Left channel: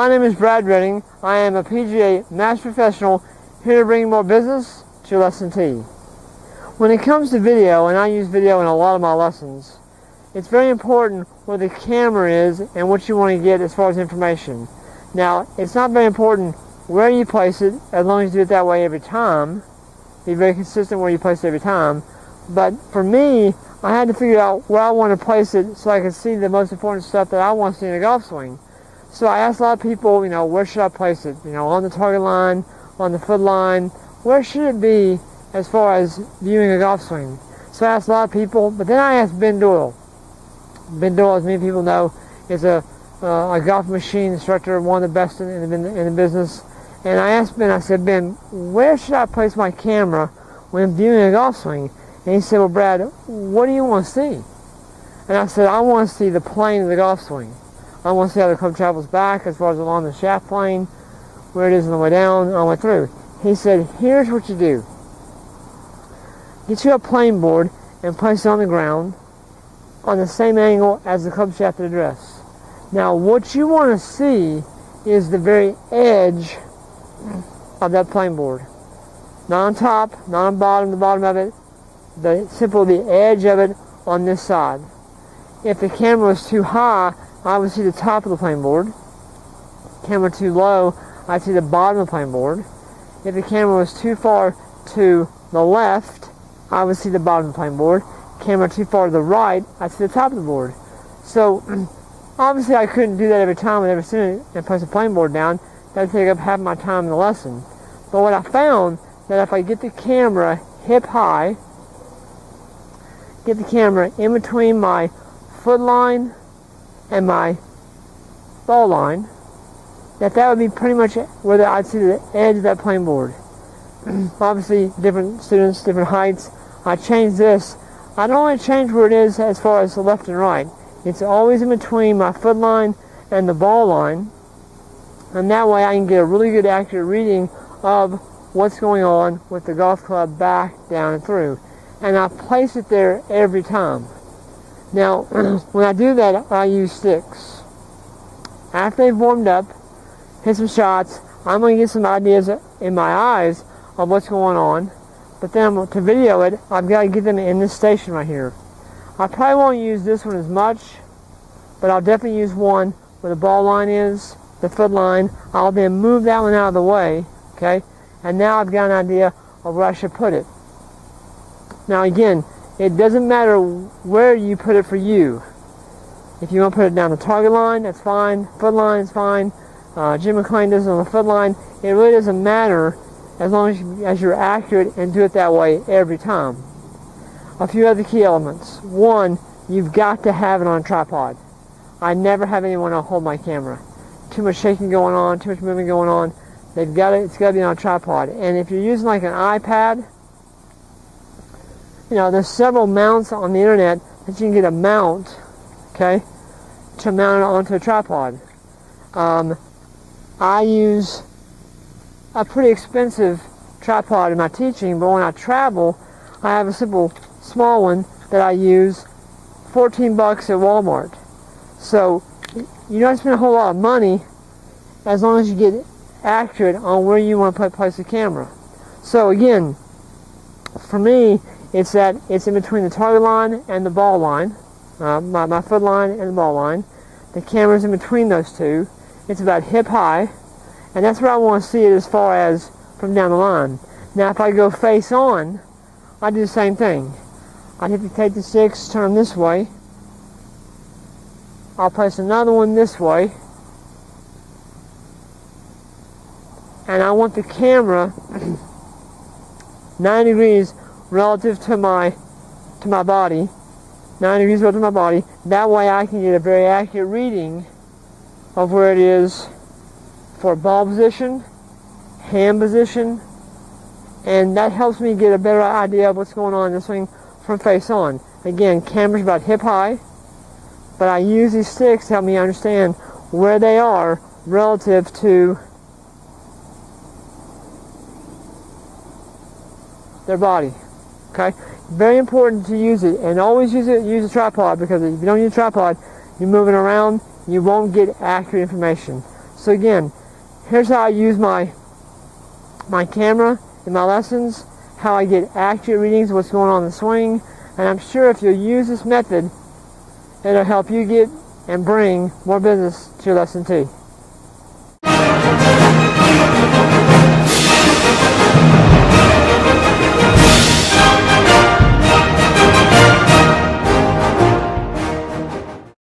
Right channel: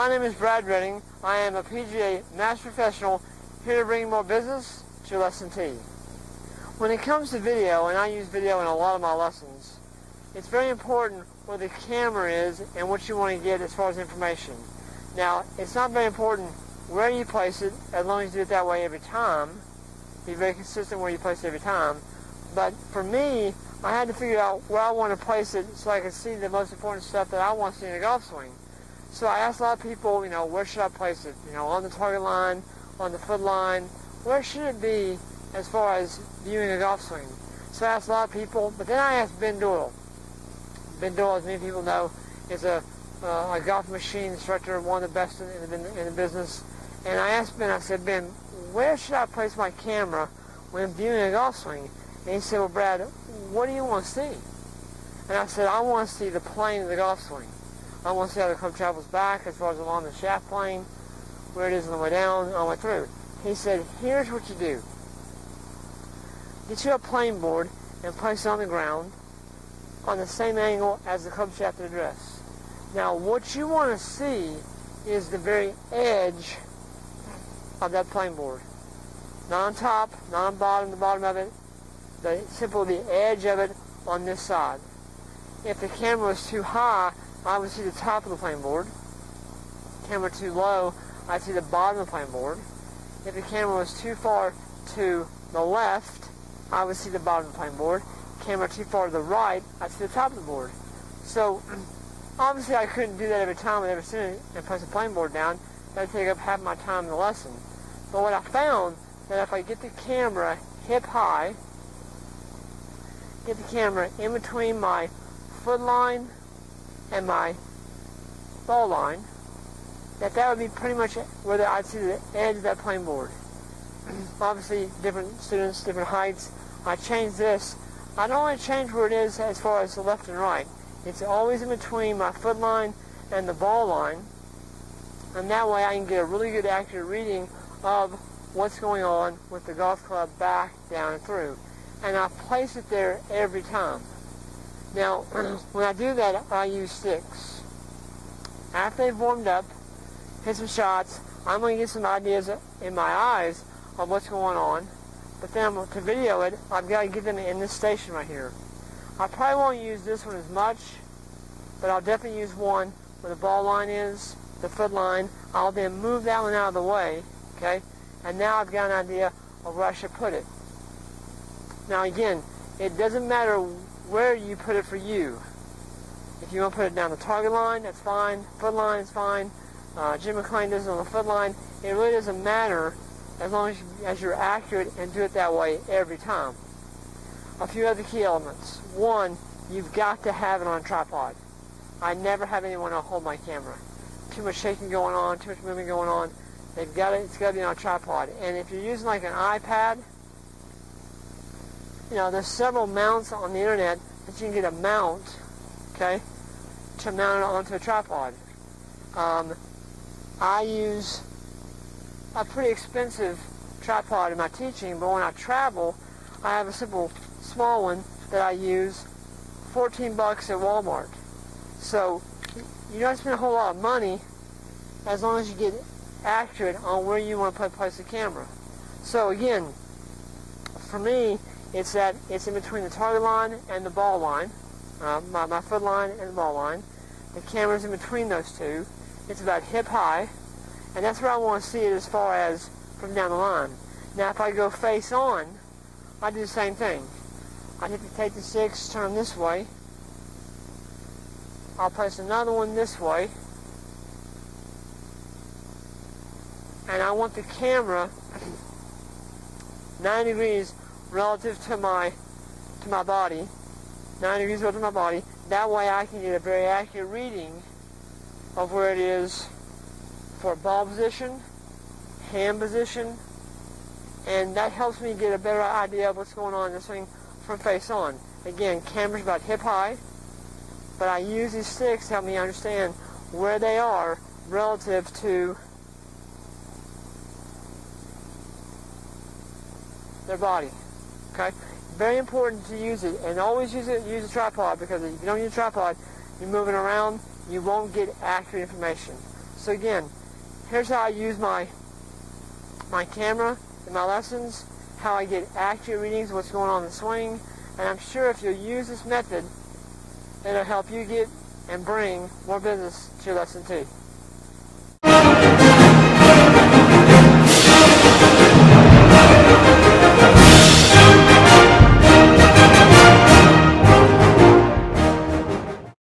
My name is Brad Redding. I am a PGA Master Professional here to bring more business to your lesson T. When it comes to video, and I use video in a lot of my lessons, it's very important where the camera is and what you want to get as far as information. Now, it's not very important where you place it, as long as you do it that way every time. Be very consistent where you place it every time. But for me, I had to figure out where I want to place it so I could see the most important stuff that I want to see in a golf swing. So I asked a lot of people, where should I place it? On the target line, on the foot line, where should it be as far as viewing a golf swing? So I asked a lot of people, but then I asked Ben Doyle. Ben Doyle, as many people know, is a golf machine instructor, one of the best in the business. And I asked Ben, I said, Ben, where should I place my camera when viewing a golf swing? And he said, well, Brad, what do you want to see? And I said, I want to see the plane of the golf swing. I want to see how the club travels back as far as along the shaft plane, where it is on the way down, on the way through. He said, here's what you do. Get you a plane board and place it on the ground on the same angle as the club shaft address. Now, what you want to see is the very edge of that plane board. Not on top, not on bottom, the bottom of it. Simply the edge of it on this side. If the camera is too high, I would see the top of the plane board. Camera too low, I'd see the bottom of the plane board. If the camera was too far to the left, I would see the bottom of the plane board. Camera too far to the right, I'd see the top of the board. So, obviously I couldn't do that every time with every student and place a plane board down. That'd take up half my time in the lesson. But what I found, that if I get the camera hip high, get the camera in between my foot line and my ball line, that would be pretty much where I'd see the edge of that plane board. Obviously, different students, different heights. I changed this. I don't only change where it is as far as the left and right. It's always in between my foot line and the ball line, and that way I can get a really good accurate reading of what's going on with the golf club back, down, and through. And I place it there every time. Now, when I do that, I use sticks. After they've warmed up, hit some shots, I'm going to get some ideas in my eyes of what's going on. But then to video it, I've got to get them in this station right here. I probably won't use this one as much, but I'll definitely use one where the ball line is, the foot line. I'll then move that one out of the way, okay? And now I've got an idea of where I should put it. Now again, it doesn't matter where you put it for you. If you want to put it down the target line, that's fine. Foot line is fine. Jim McClain does it on the foot line. It really doesn't matter as long as you're accurate and do it that way every time. A few other key elements. One, you've got to have it on a tripod. I never have anyone hold my camera. Too much shaking going on, too much movement going on. It's got to be on a tripod. And if you're using like an iPad, there's several mounts on the internet that you can get a mount, okay, to mount it onto a tripod. I use a pretty expensive tripod in my teaching, but when I travel, I have a simple small one that I use, $14 at Walmart. So you don't spend a whole lot of money as long as you get accurate on where you want to place the camera. So again, for me, it's in between the target line and the ball line, my foot line and the ball line. The camera's in between those two. It's about hip high, and that's where I want to see it as far as from down the line. Now, if I go face on, I do the same thing. I hit to take the sticks, turn this way. I'll place another one this way, and I want the camera 90 degrees relative to my body, 90 degrees relative to my body. That way I can get a very accurate reading of where it is for ball position, hand position, and that helps me get a better idea of what's going on in this thing from face on. Again, camera's about hip high, but I use these sticks to help me understand where they are relative to their body. Okay? Very important to use it, and always use a tripod, because if you don't use a tripod, you're moving around, you won't get accurate information. So again, here's how I use my camera in my lessons, how I get accurate readings of what's going on in the swing, and I'm sure if you use this method, it'll help you get and bring more business to your lesson tee.